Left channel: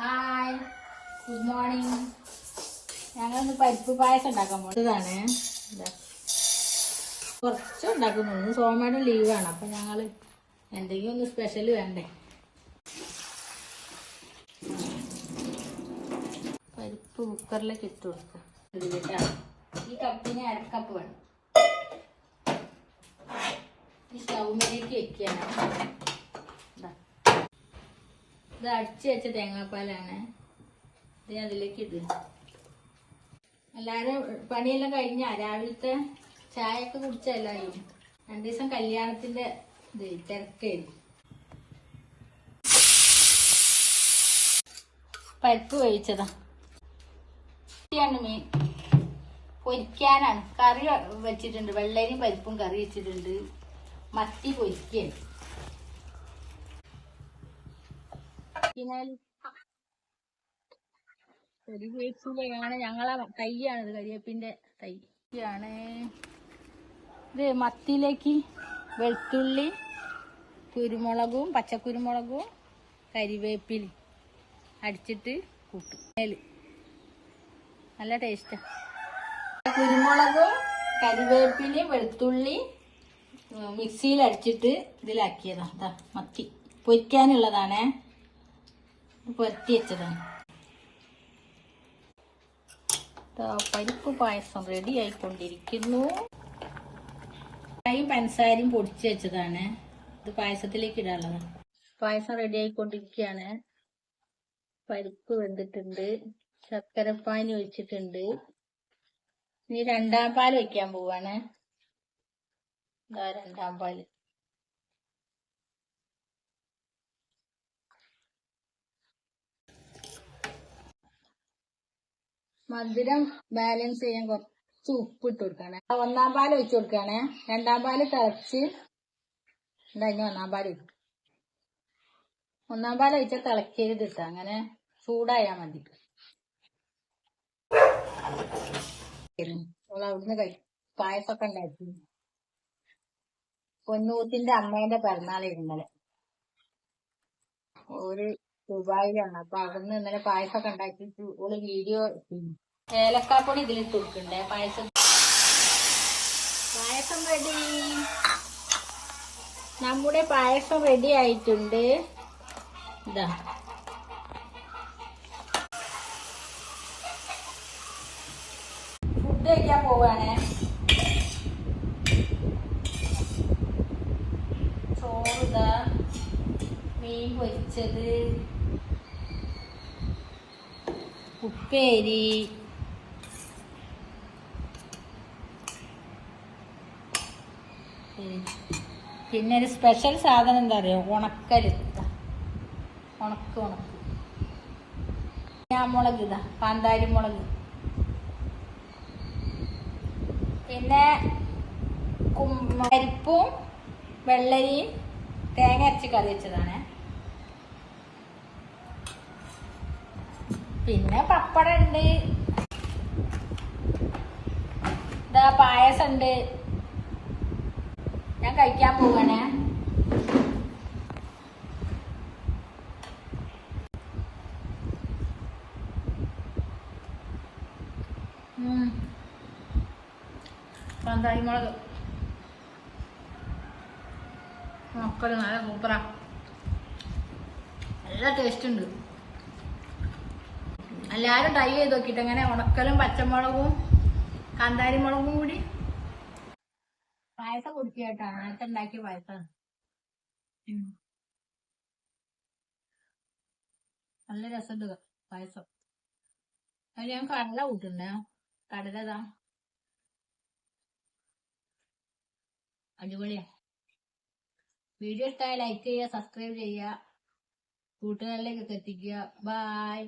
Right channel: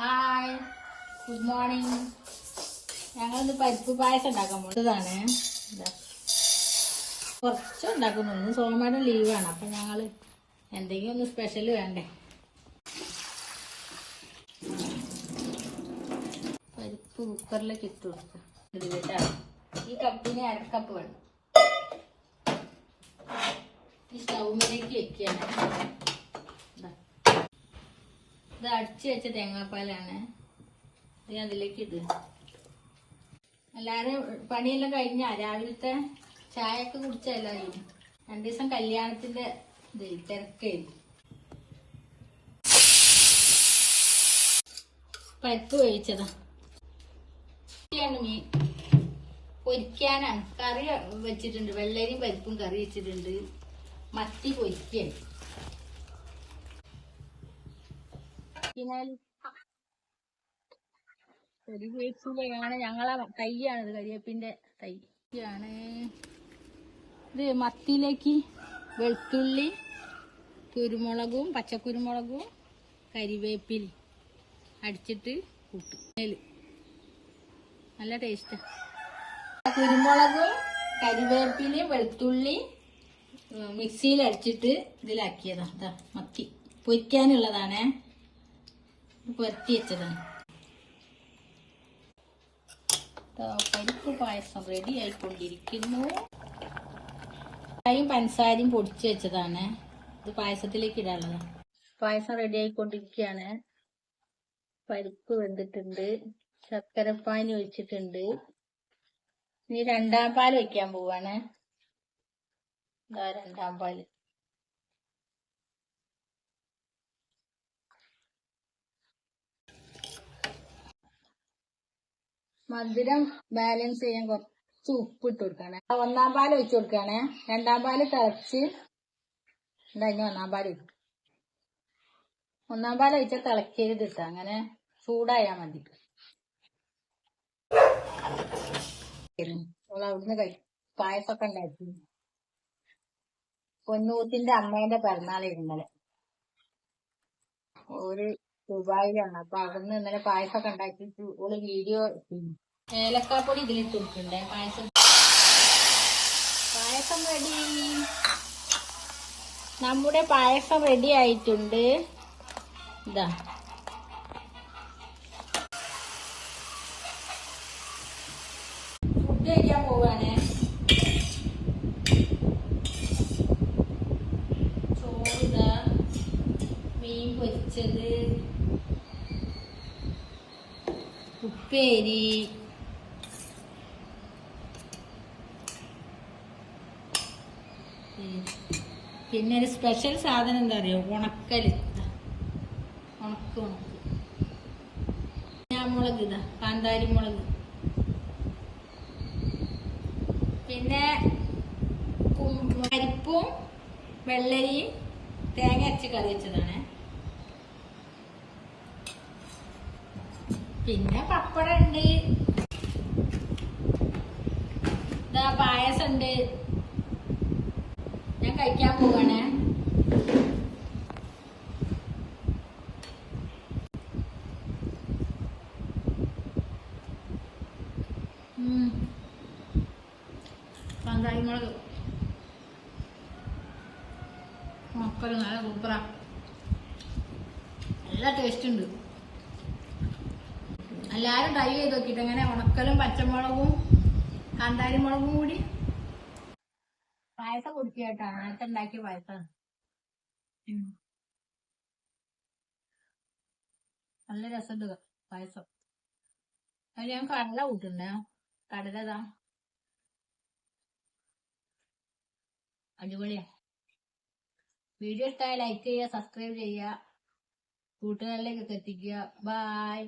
Hi, good morning. ഞങ്ങളിന്ന് പരിപ്പ് പായസം ഉണ്ടാക്കാൻ പോകുന്നതാണ്. കുറച്ച് ഉണ്ടാക്കുന്നുള്ളൂ. സോമയുടെ ലീവാണ്, അപ്പം ഞങ്ങൾ എന്തെങ്കിലും ഒന്ന് സ്പെഷ്യൽ വേണ്ടേ. പരിപ്പ് കുക്കറിലേക്ക് ഇട്ട് കൊടുക്കും. ഈ കപ്പിന് അരക്കപ്പ് വേണം. ഈ സ്റ്റൗമിലേക്ക് വെക്കുകയാണ്. ഇത് അടിച്ചു വെച്ച തേങ്ങാപ്പാലാണ്. ഇത് അതിലേക്ക് ഇടുക. എല്ലാവരും പണിയെല്ലാം കഴിഞ്ഞാ രാവിലത്തെ ചായയൊക്കെ കുടിച്ചല്ലാരും 2 ദിവസം കല്യാണത്തിന്റെ തിരക്കായിരുന്നു. പരിപ്പ് വേവിച്ചതാ. മീൻ പൊരിക്കാനാണ്. കറി വെച്ചിട്ടുണ്ട്. വെള്ളരിയും പരിപ്പും കറി വെച്ചിട്ടുണ്ട്. മത്തി പൊരിക്കുകയാണ്. കരിവേപ്പിലയാണ് ഞങ്ങളെ തൈയാണിത്. കരിവേപ്പിന്റെ തൈയാണ് ഇത്. മത്തിയിലേക്ക് വെളുത്തുള്ളി, കുരുമുളകും പച്ചക്കുരുമുളകും കരിവേപ്പില അടിച്ചിട്ട് കൂട്ടും. നല്ല ടേസ്റ്റാ. കുരുമുളകും കരിവേപ്പിലയും വെളുത്തുള്ളി മിക്സിയിൽ അടിച്ചിട്ട് ഇതിലാക്കിയതാ. മത്തി പൊരിക്കാനുള്ളതാണേ. പൊരട്ടി വെച്ചതാണ്. പരിപ്പ് പായസം റെഡി ആയിക്കൊണ്ടിരിക്കുന്നു. ചായയും പഞ്ചസാരയും പൊടിച്ചു വെച്ചതാണ്. ഇത് പായസത്തിലേക്ക് ഇടാനുള്ളതാണ്. പായസം റെഡി ആയിക്കൊണ്ടിരിക്കുകയാണ്. പരിപ്പ് വെന്തിട്ടുണ്ട്. ശർക്കരപ്പാനി ഒഴിച്ചിട്ടുണ്ട്. ഇനി 2ാം പാൽ വയ്ക്കാൻ പോവാണ്. 2ാം പാല്. മധുരം ബാലൻസ് ചെയ്യാൻ കുറച്ച് ഉപ്പ് ഇട്ട് കൊടുക്കാണ്. 1ാം പാൽ ഒഴിച്ചു കൊടുക്കാണ്. 2ാം പാല് തിളച്ച് ഉണ്ടായിരുന്നു. 1ാം പാല് 1ാം പാൽ ഒഴിച്ചാൽ തിളക്കരുത് ഇട്ടാ. അങ്ങനെ ചൂടായാ മതി. അവിടുന്ന് പായസമൊക്കെ ഉണ്ടാക്കി. പൊന്നൂത്തിന്റെ അമ്മേന്റെ പിറന്നാൾ ഇന്നലെ. ഒരു ദുബായിലാണ്. അപ്പൊ അവിടുന്ന് ഇന്നലെ പായസമൊക്കെ ഉണ്ടാക്കി ഓള് വീഡിയോ. ഏലക്കാപ്പൊടി ഇതിലിട്ട് കൊടുക്കണ്ടേ. പായസം റെഡി. നമ്മുടെ പായസം റെഡി ആയിട്ടുണ്ട്. ഇതാ ഫുഡ് കഴിക്കാൻ പോവാണ്. ചോറ്, മീൻ പൊരിച്ചത്, ഉപ്പേരി, പിന്നെ ഒരു സ്പെഷ്യൽ സാധനം എന്താ അറിയോ? ഉണക്കല്. ഉണക്ക് മുളക്. കാന്താരി മുളക്. പിന്നെ പരിപ്പും വെള്ളരിയും തേങ്ങ അരച്ച് കറി വെച്ചതാണ്. പിന്നെ പപ്പടം ഉണ്ട്. ഇതാ പായസം ഉണ്ട്. ഞാൻ കഴിക്കാൻ പോവാണ്. കാന്താരി മുളക് മക്കള് നല്ല സൂപ്പറാ. നല്ല ടേസ്റ്റ് ഉണ്ട്. എല്ലാരും ട്രൈ ചെയ്ത് നോക്കിട്ട് അങ്ങനെ ഉണക്കലും പച്ചമുളകും കാന്താരി മുളകും കൂടി പായസം കുടിക്കട്ടാ. നേരത്തെ ഉണ്ടാക്കിയ പായസം നല്ല രസമുണ്ട് പായസം. അതിൽ ഞാൻ കടല കൂട്ടുണ്ടേ. കടലതാ അടിപൊളിയാ. വീഡിയോ ഇഷ്ടമായ ലൈക്ക് ചെയ്യുക, സബ്സ്ക്രൈബ് ചെയ്യുക, കൂട്ടുകാരിലേക്കൊക്കെ എത്തിക്കുക. ബൈ.